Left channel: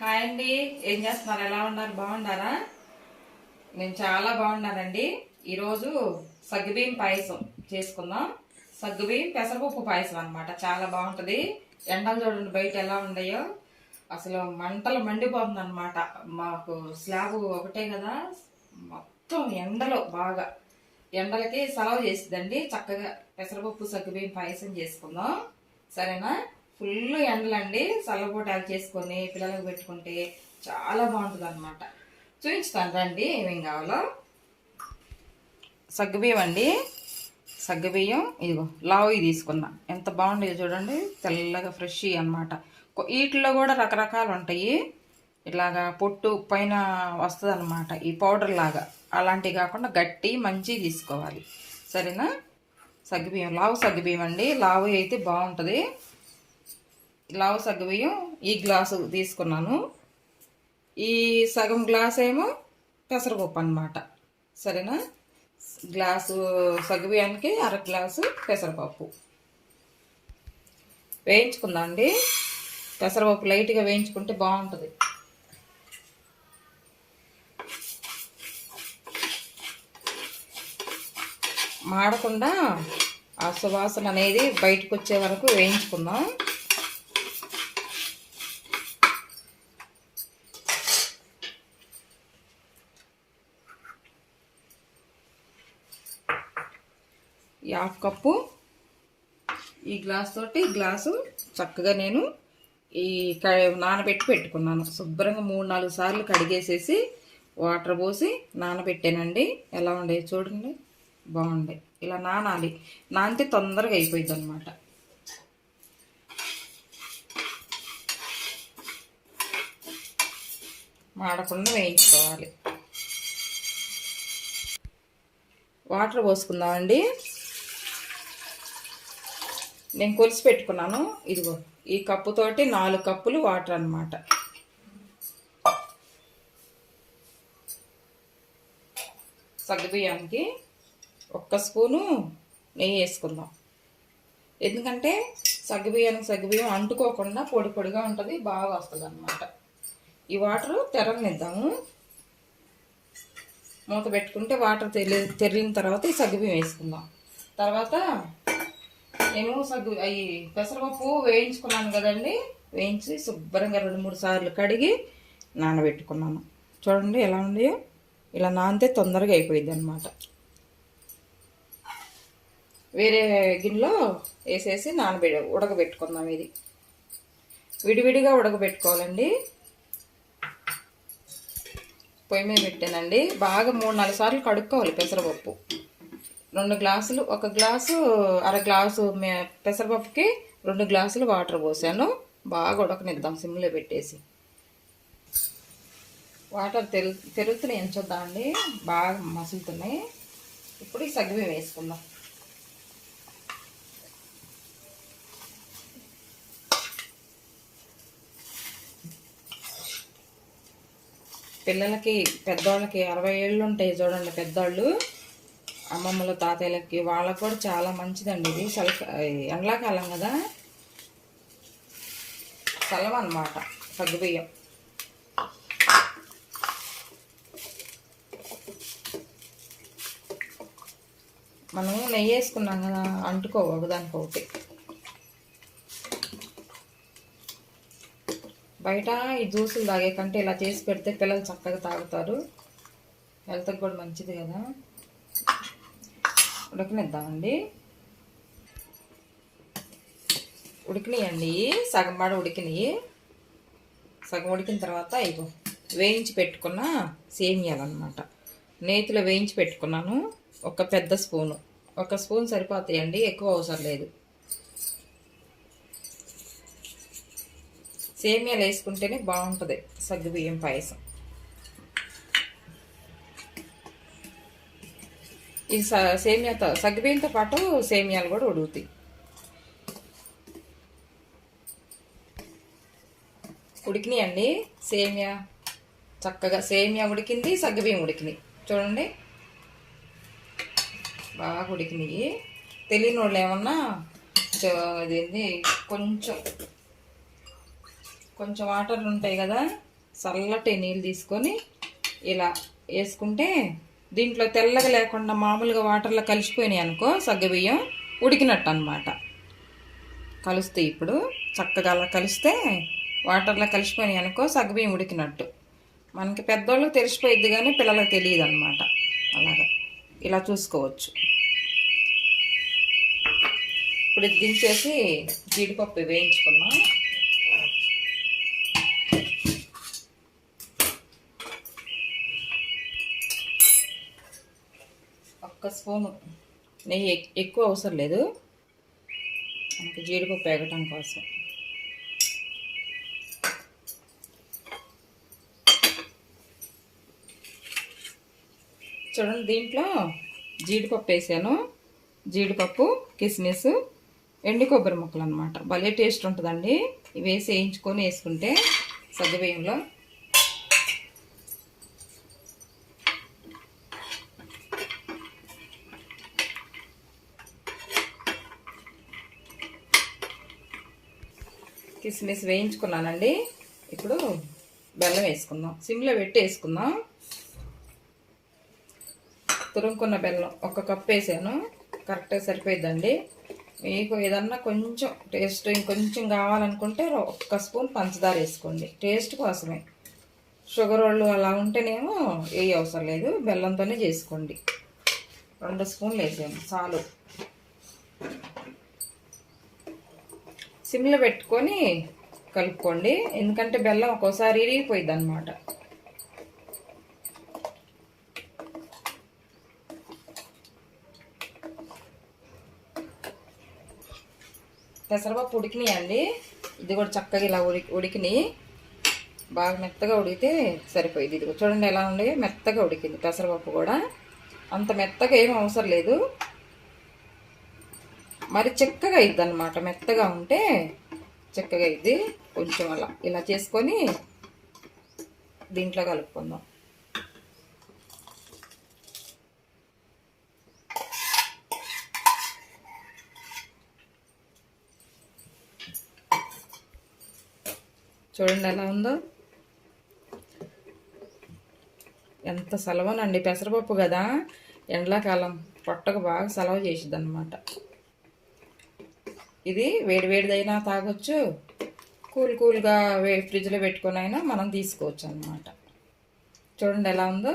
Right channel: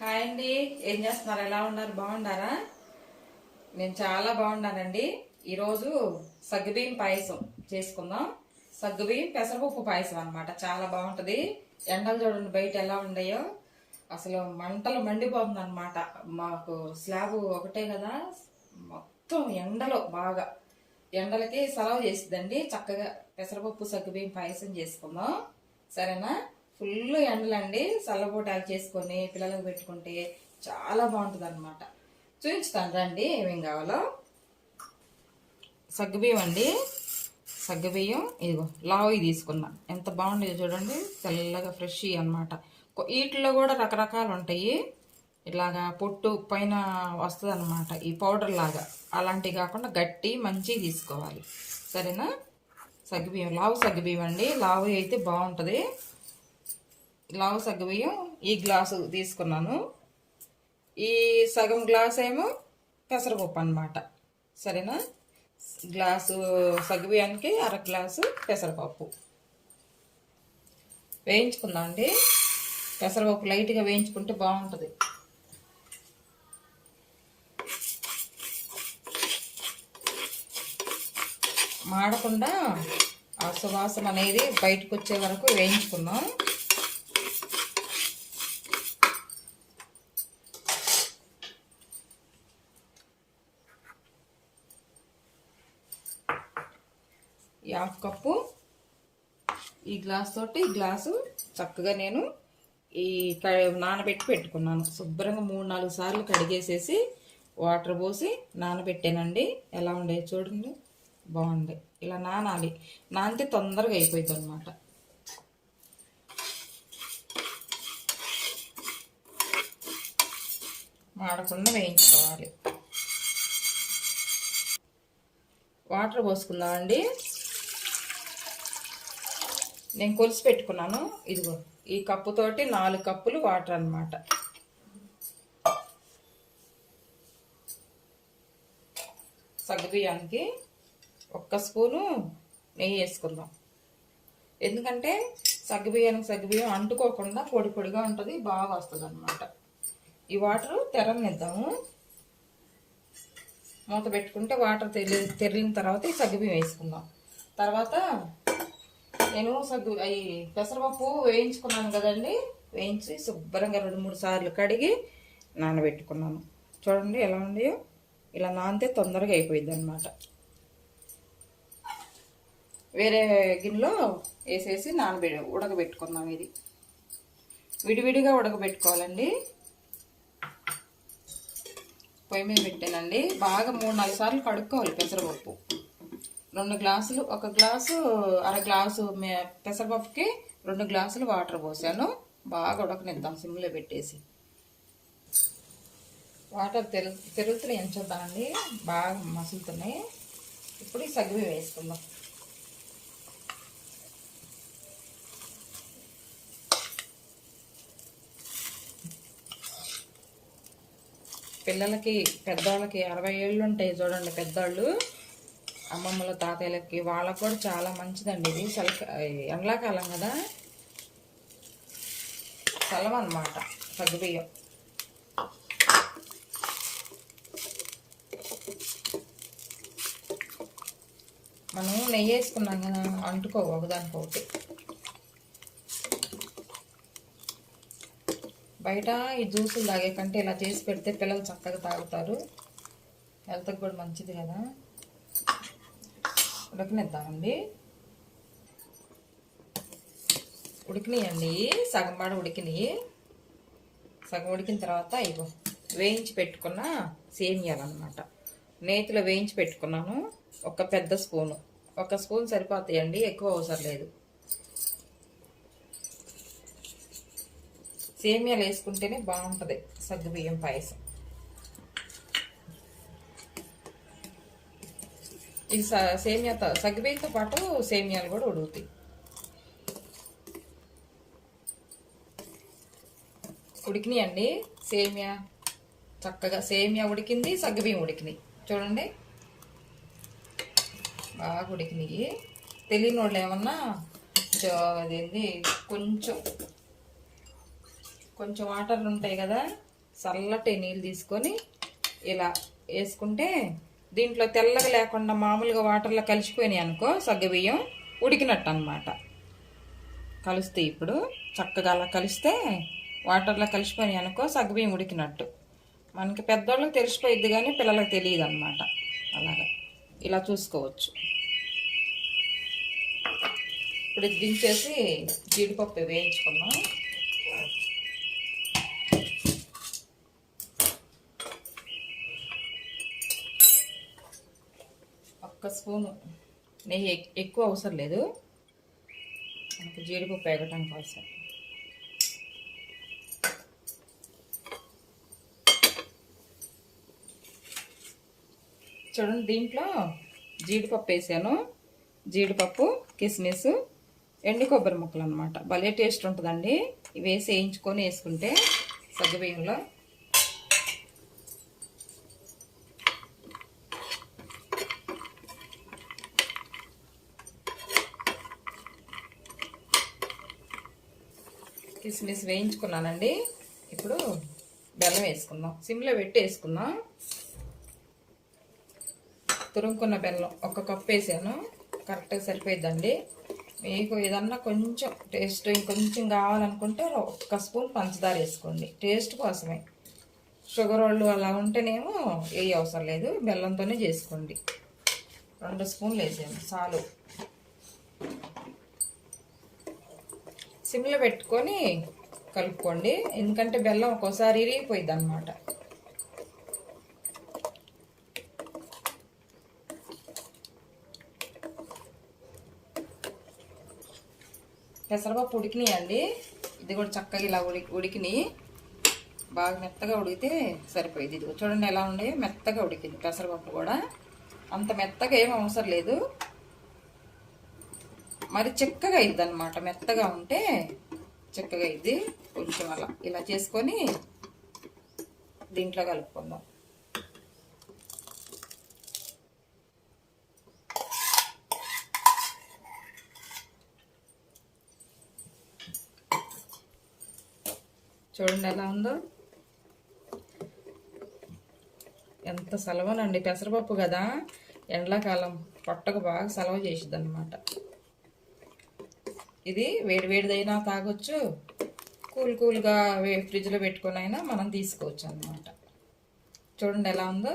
Hi అండి, ఏం చేస్తున్నారు? ఎలా ఉన్నారు? బాగున్నారా? నేను చాలా బాగున్నానండి. ఈరోజు సగ్గుబియ్యం పాయసం చేసుకుందాం. సగ్గుబియ్యం పెసరపప్పు పాయసం అనమాట. చాలా బాగుంటుంది. ఎండలు చూడండి బయట ఎలా ఉన్నాయో, అసలు మంటలు మండిపోతుంది అనమాట. మాకు స్లాబ్ ఒకటే కదా, మొత్తం ఎండలో బాగా ఎండలకి సెలవు చేసిద్దండి. చక్కగా పెసరపప్పు సగ్గుబియ్యం పాయసం చేసుకుందాం, సరేనా? ఫుల్ ఎండలండి. చల్లబూట యాడ్ చేసుకొని పిల్లలకు పెట్టుకుంటే చాలా బాగుంటుంది అనమాట. చూపించుతాను రండి ఏమేం కావాలో. సగ్గుబియ్యం అండి, సగ్గుబియ్యం ఇదిగో లావు తీసుకున్నా. ఎంత బాగుండేది చూడండి, తెల్లగా ఫ్రెష్ అనమాట. వీటిలో కూడా రకరకాలు ఉంటాయి. ఇలాగా పొట్టు పైన వస్తుంది అనమాట, ఈ పౌడర్ లాగా. అలాంటివి కాకుండా గట్టి మంచివి తీసుకోవాలి, సరేనా? సగ్గుబియ్యం లావు సగ్గుబియ్యం అండి. లావు అయితే బాగుంటుంది. లావు సగ్గుబియ్యం ఈ గ్లాసు తీసుకున్నాను. ఈ సగం గ్లాస్ ఏమో పెసరపప్పు అనమాట, సరేనా? గ్లాసు సగ్గుబియ్యానికి అర గ్లాసు పెసరపప్పు వేయించుకుందాం అండి. పెసరపప్పు లైట్గా వేయించుకుంటే బాగుంటుంది. మాడకుండా ఆ సువాసన అనేది బయటకు వచ్చే వరకు వేయించుకుందాం. ఈ హాఫ్ కప్పు ఈ గ్లాస్ తోటి గ్లాసు చక్కగా నేను ఈ నానబెట్టి పెట్టుకున్నాను. శుభ్రంగా 3-4 సార్లు కడిగేసేసి వాటర్ పోసి నానబెట్టానండి. ఎలా ఉండే చూడండి, బాగుండే. ఇలా నానాలి, నానితే తొందరగా అయిపోయింది అనమాట. మాడకుండా వేయించుకోవాలి. వాటర్ పోసుకుందామండి. నేను కొలిసి పెట్టుకున్నాను. ఇదిగో ఈ కప్పుతోటి 4 కప్పులు వాటర్ అన్నమాట. సగ్గుబియ్యానికి 1 స్పూను నెయ్యి వేసుకుందాం. ఎందుకంటే సగ్గుబియ్యం అంటుకోకుండా పొడి పొడిగా ఉంటుంది, బాగా వస్తుంది అన్నమాట. ఈ వాటర్ తెరనిద్దాము. మూత పెట్టుకుంటే వాటర్ తెరిన తర్వాత ఈ సగ్గుబియ్యం వేసుకుందాం. తర్వాత నేను పెసరపప్పు వేయించుకున్నాను కదండి, వేయించి శుభ్రంగా 2-3 సార్లు కడిగి నానబెట్టుకున్నాను. చూడండి ఎలా ఉన్నాయో. ఇలా నానితే తొందరగా అయిపోయింది అనమాట. వేరే గిన్నెలో వేసేసి ఉడకబెట్టుకుందాం. ఇది విడివిడిగా ఉడకబెట్టుకోవాలండి. పొయ్యి మీద పెట్టానండి. బాగా 3-4 సార్లు కడుక్కోవాలి పెసరపప్పు. 2 గ్లాసులు, 1 గ్లాసు అర గ్లాసు పెసరపప్పుకి 2 గ్లాసులు వాటర్ పోసాను. బాగా ఉడకనిద్దాం సిమ్లో పెట్టేసి. వాటర్ తెరుగుతున్నాయి చూద్దామండి, బాగా మసులుతున్నాయి. ఇప్పుడు ఈ సగ్గుబియ్యం వేసుకుందాం. పిల్లలకి పెద్దవాళ్ళకి 60 ఏళ్ళు ఉంటాయి చూడండి, పెద్దవాళ్ళు అమ్మమ్మల తాతయ్యలకి, వాళ్ళకు కూడా చాలా మంచిదండి ఇది. ఎండాకాలం కదా, చలవ అన్నమాట సగ్గుబియ్యం. మనం నెయ్యి వేసుకున్నాం కదా, అంటుకోవు ఒకదానికొకటి. బయట ఈ జ్యూసులు తాగే కంటే ఇలా చేసి పెడితే పిల్లలు చక్కగా తాగుతారు. హెల్త్కి కూడా మంచిది కదా. ఉడకనిద్దామండి. ఉడికినాయండి, సగం పాడ ఉడికినాయి. సగం ఉడికిన తర్వాత ఇగో వేయించి పెట్టుకున్న సేమియాలన్నమాట. నేతిలో వేయించి పెట్టుకున్నాను. ఒక పెద్ద స్పూను, 1 స్పూన్ సరిపోతాయండి, ఎక్కువ అవసరం లేదు. సేమియాలు వేసుకుంటేనే బాగుంటుంది సగ్గుబియ్యం పాయసం. ఇది సేమియాతో సగ్గుబియ్యంతో పాటు సేమియాలు కూడా ఉడుకుతాయి. ఉడికినాయండి సేమియా, చక్కగా సేమియా ఉడికింది, సగ్గుబియ్యం ఉడికినాయి. చూడండి బాగా ఉడికినాయి. తెలియని వాళ్ళు ఏమన్నా అదేంటి కొంచెం వాటర్ ఉంటాయి కదా, చల్లటి నీళ్ళు తీసుకొని ఇలా వేసుకుంటే దీంట్లో తెల్లగా లేకుండా మామూలుగా వాటర్లో కలిసిపోయినాయి అనుకో సగ్గుబియ్యం ఉడికినట్టు అనమాట. కలుస్తాయి ఇప్పుడు చక్కగా అలా కలిస్తే వాటర్లో కలిసిపోయినాయి అనుకో సగ్గుబియ్యం ఉడికినట్టు. మనకి పెద్దోళ్ళకి తెలిసిపోయిద్ది కానీ పిల్లలకు తెలియదు అనమాట. అలాగా ఇలా చూసుకోవచ్చు. ఇప్పుడు ఇది దించేసి జీడిపప్పు వేయించుకున్నాం. ఒక్క స్పూను నెయ్యి, ఎక్కువ అవసరం లేదు మనకి జీడిపప్పు వేగటం కోసం. చూడండి దీంట్లో జీడిపప్పు వేసాను. జీడిపప్పు, కిస్మిస్, ఎండు కొబ్బరి ముక్కలు అనమాట. భలే టేస్ట్ ఉంటుందండి. ఇవి వేసి వేయించుకొని వేసుకుంటే సగ్గుబియ్యంలో. కిస్మిస్ వేయించుకున్నానండి. ఇప్పుడు బెల్లం వేసుకుందాం. సిమ్లో పెట్టి వేసుకుందాం. తురుముకున్న బెల్లం 1 కప్పు వేసాను. కరెక్ట్గా సరిపోయిద్దండి. మీకు ఏదన్నా కొంచెం టేస్ట్ ఇంకొంచెం కావాలనుకుంటే 1 స్పూన్ పంచదార వేసుకోండి, టేస్ట్ కోసమే. షుగర్ వాళ్ళు అలా ఉంటేనేమో ఏ అవసరం లేదు, బెల్లంతోనే చేసుకోండి. 2 స్పూన్లు వేసాము చాలు. సిమ్లో పెట్టుకొని కలుపుకోండి, ఎందుకంటే బెల్లం ఒక్కోసారి ఇరిగిపోయిద్ది అనమాట. పెసరపప్పు ఉడికినాయండి. ఇది కూడా చక్కగా ఇలా ఉడికినాయి. బాగా మెత్తగా ఉడికితే సరిపోయింది. ఇది చూడండి ఎలా ఉంది, మెత్తగా ఉడికింది. పెసరపప్పు కూడా అంత మెత్తగా ఏం అవసరం లేదు, మరి చిక్కగా అయింది అనమాట. మెత్తగా ఉంటే చిక్కగా అయింది. కొంచెం అలా ఇలా చేసుకొని దీంట్లో కలుపుకుందాం. చూడండి ఎలా ఉందో, ఎంత సలవనండి. పెసరపప్పు కదా, ఎండాకాలం పొట్టకు బాగా సలవ చేసిద్ది అనమాట. ఇది వేడివేడిదైనా తాగొచ్చు, కూల్గా ఫ్రిడ్జ్లో పెట్టుకొని అయినా మనం తీసుకోవచ్చు అన్నమాట. చూడండి ఎలా ఉందో.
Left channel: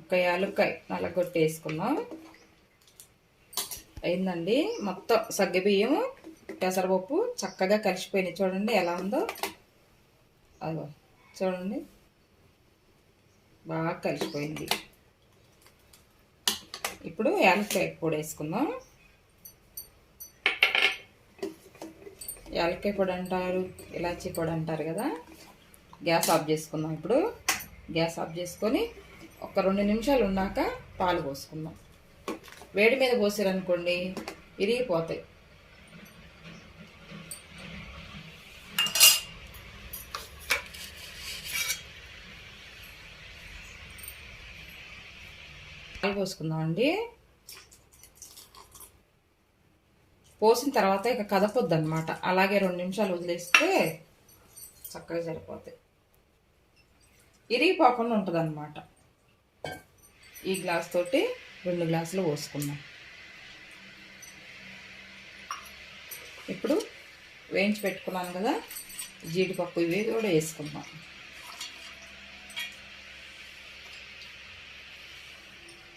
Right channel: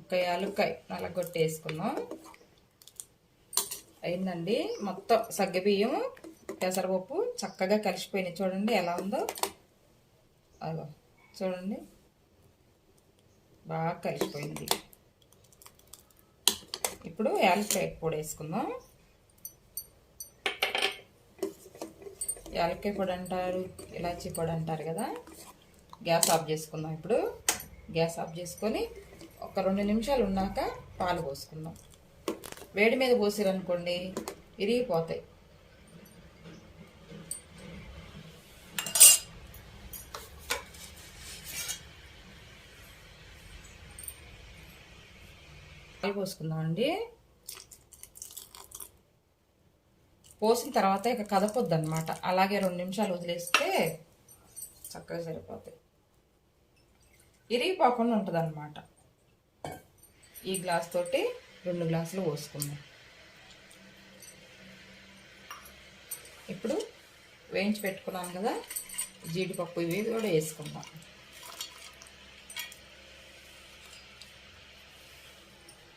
ఒక యాలుక్కాయ నల్లగొట్టి వేసుకుందాం. అయిందండి. మొత్తం సగ్గుబియ్యం పెసరపప్పు చక్కగా కలిసిపోయినాయి. చూడండి ఎలా ఉందో. అదో చూడండి బాగా కలిసిపోయింది. ఇప్పుడు యాలక్కాయ పొడి వేసుకుందాం. యాలక్కాయ పొడి అంటారు, ఇలాచీ పొడి అంటారు కదా. గ్యాస్ ఆఫ్ చేసుకుందాం. ఇప్పుడు గ్యాస్ ఆఫ్ చేసుకొని ఒక 2 నిమిషాలు ఉన్నాక పాలు పోసుకుందాం. వేడి మీద పోసారనుకోండి ఇరిగిపోతాయి. పాలు పోసుకుందామండి. పోసిన తర్వాత ఇక కదపొద్దు అనమాట. అలాగే 2 నిమిషాలు వదిలేస్తే చక్కగా సరిపోతాయి. ఇరిగిపోకుండా ఉంటుంది అనమాట. ఈ గ్లాస్ తోటి 2 గ్లాసులు పోసుకుందాం. ఇప్పుడు వేయించి పెట్టుకున్నాం కదా జీడిపప్పు, ఇవి కూడా వేసుకుందాం.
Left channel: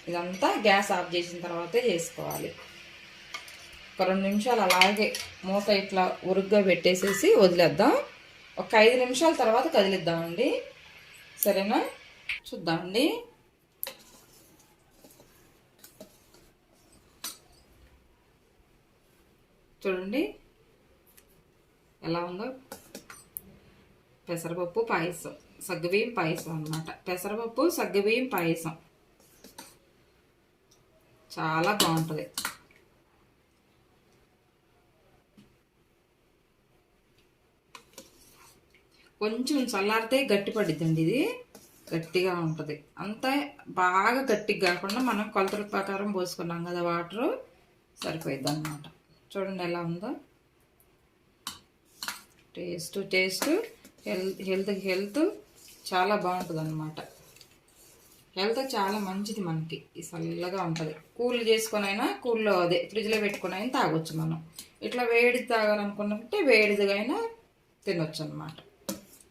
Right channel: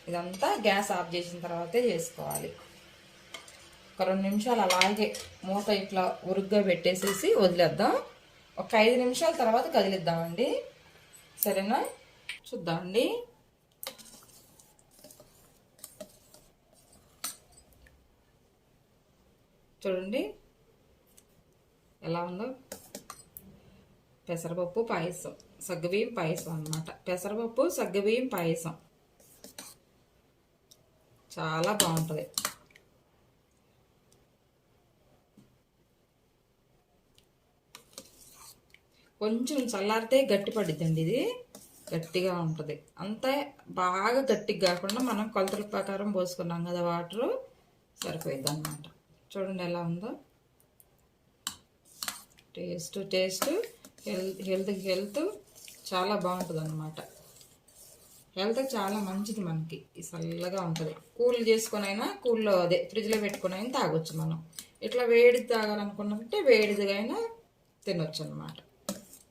ఇదంతా గ్యాస్ ఆఫ్ చేసిన తర్వాతే చేసుకోవాలి. ఒక 2 నిమిషాలు అలాగే మూత ఇట్లా ఉరుగ్గా పెట్టేసేసి వదిలేద్దాం. ఒక 5 నిమిషాల తర్వాత కదిలిద్దామండి. సరేనా? చూద్దామండి. చూడండి ఎలా ఉందో. పెసరపప్పు పాయసం, సగ్గుబియ్యం పాయసం అన్నమాట. పెసరపప్పు సగ్గుబియ్యం పాయసం చాలా బాగుంటుంది. కొంచెం చల్లారితే గట్టి పడిద్దండి. ఇది గట్టిగా ఉంటుంది. అంతా బాగా గట్టిగా కాకుండా మనం కొలతల ప్రకారం పోసుకున్నాం కదా వాటర్, సరిపోయిద్ది అన్నమాట. చూడండి ఎలా ఉందో. టేస్ట్ హెల్త్ చాలా బాగుంటుంది అన్నమాట. హెల్త్ చాలా మంచిది మనకి. ఈ చల్లగా ఉంటుంది. కూల్ చేసుకొని అయినా కూల్లో అదే ఫ్రిడ్జ్లో పెట్టుకుని అయినా తాగొచ్చు మనం. ఇట్లా వేడి తాగాలనుకున్నట్టే వేడిదిగా అయినా తినొచ్చు అనమాట.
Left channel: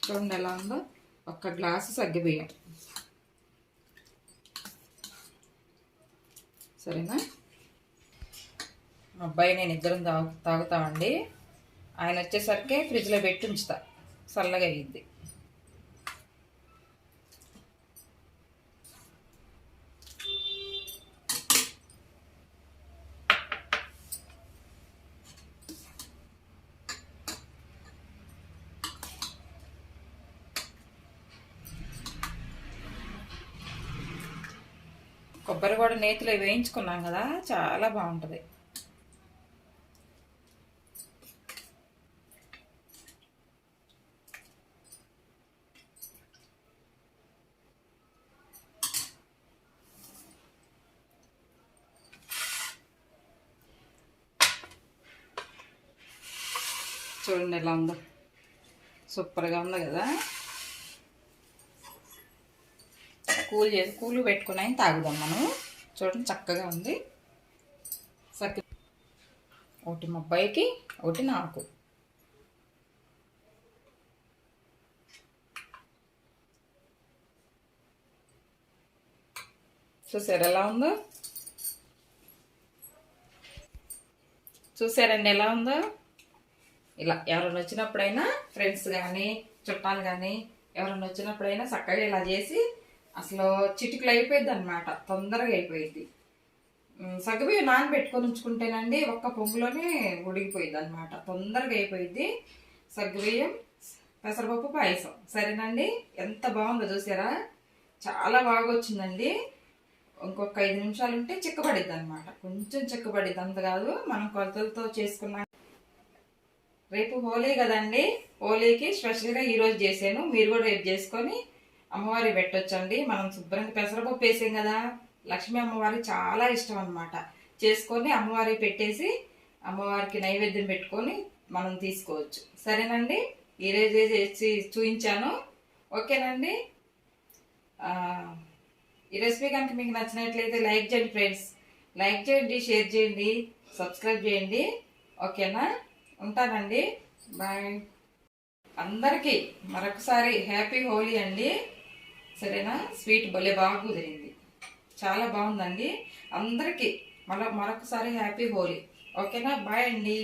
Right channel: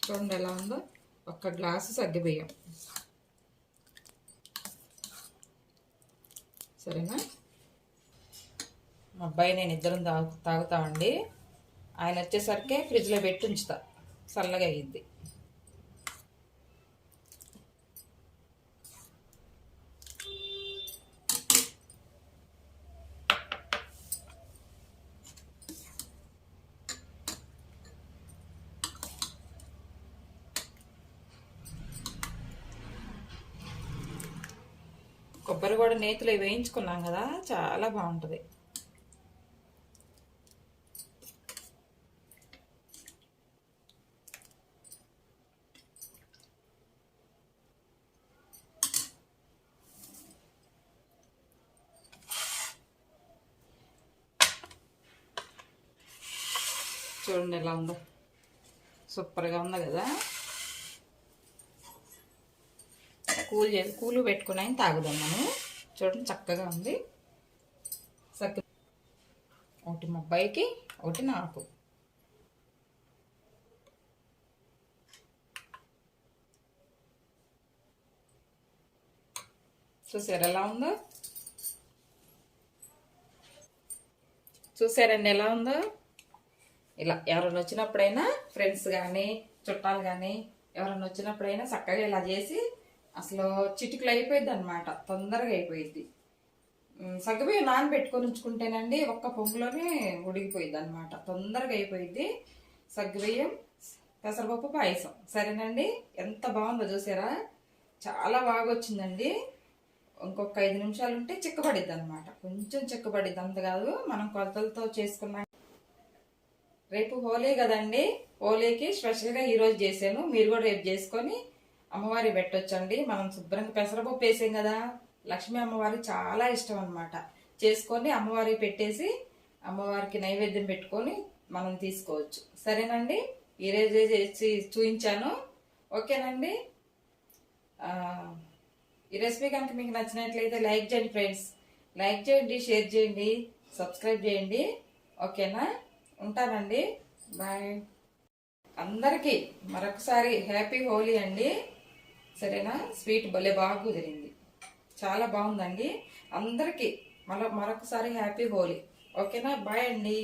చూడండి ఎలా ఉందో. 1 గ్లాసు సగ్గుబియ్యం. సరేనా? మా అబ్బాయి నేను ఇద్దరం తాగుతామండి. ఆయన వచ్చేసరికి ఫ్రిడ్జ్లో పెట్టి ఉంచుతా, చల్లగా అయ్యిద్ది. కొబ్బరి కూడా నేతిలో వేయించుకున్నాం కదా, చాలా బాగుంటుంది. చూడండి ఎలా ఉందో, సూపర్గా ఉంది కదా. కూల్ పెట్టుకుని తాగుదాం మనం. చూడండి చక్కగా ఉంది. ఒకటి మా అబ్బాయికి, ఒకటి నాకు. చూసారు ఎలా ఉందో? చూసారండి ఎలా ఉందో? ఇలా ఎవరైనా వచ్చినప్పుడైనా, ఫ్రెండ్స్ కానీ చుట్టాలు కానీ ఎవరైనా వచ్చినప్పుడైనా చక్కగా ఇలా చేసి, అసలు చిటికలు అయిపోయింది అనమాట. తొందరగా అయిపోయింది. సగ్గుబియ్యం నానబెట్టుకొని ఉంచుకుంటేనండి ఒక్క పొంగులోనే ఉడికిపోయింది అనమాట. తొందరగా అయిపోయింది. సగ్గుబియ్యం పెసరపప్పు పాయసం. సరేనండి, ఎంత బాగుందో చూసారా? చాలా బాగా వచ్చిందండి. ఇంకొక 5 నిమిషాలు ఉంటే చిక్కబడిద్ది అనమాట. కొంచెం చిక్కబడిద్ది, అంత కాదు. మనం కొలతలతో చేసుకున్నాం. రేపు హోలీ కదండి. హోలీకి స్పెషల్గా ఈరోజు చేశాను. మీరు కూడా రేపు చేసుకొని అమ్మవారి పెట్టొచ్చండి. మనం శుభ్రంగా పెసరపప్పు వేసాం కదా, లక్ష్మీ అమ్మవారికి చాలా ఇష్టం అనమాట. చేసుకొని అమ్మవారికి పెట్టేసి అమ్మవారికి నైవేద్యం పెట్టుకొని మనం తీసుకోవచ్చు. సరేనండి, ఈరోజు చేసి చూపించాను. ఓకేనండి. ఈ రెసిపీ కనుక మీకు నచ్చినట్లయితే లైక్ చేయండి ఫ్రెండ్స్. లైక్ చేయండి, షేర్ చేయండి, సబ్స్క్రైబ్ చేయండి. ఓకేనా? ఉంటానండి. బాయ్. అందరికీ మరొకసారి హ్యాపీ హోలీ అండి. సరేనా? స్వీట్ భలే బాగా కుదిరింది, చాలా బాగుందండి. అందరికీ మరొకసారి హ్యాపీ హోలీ. ఓకేనా? బాయ్ అండి.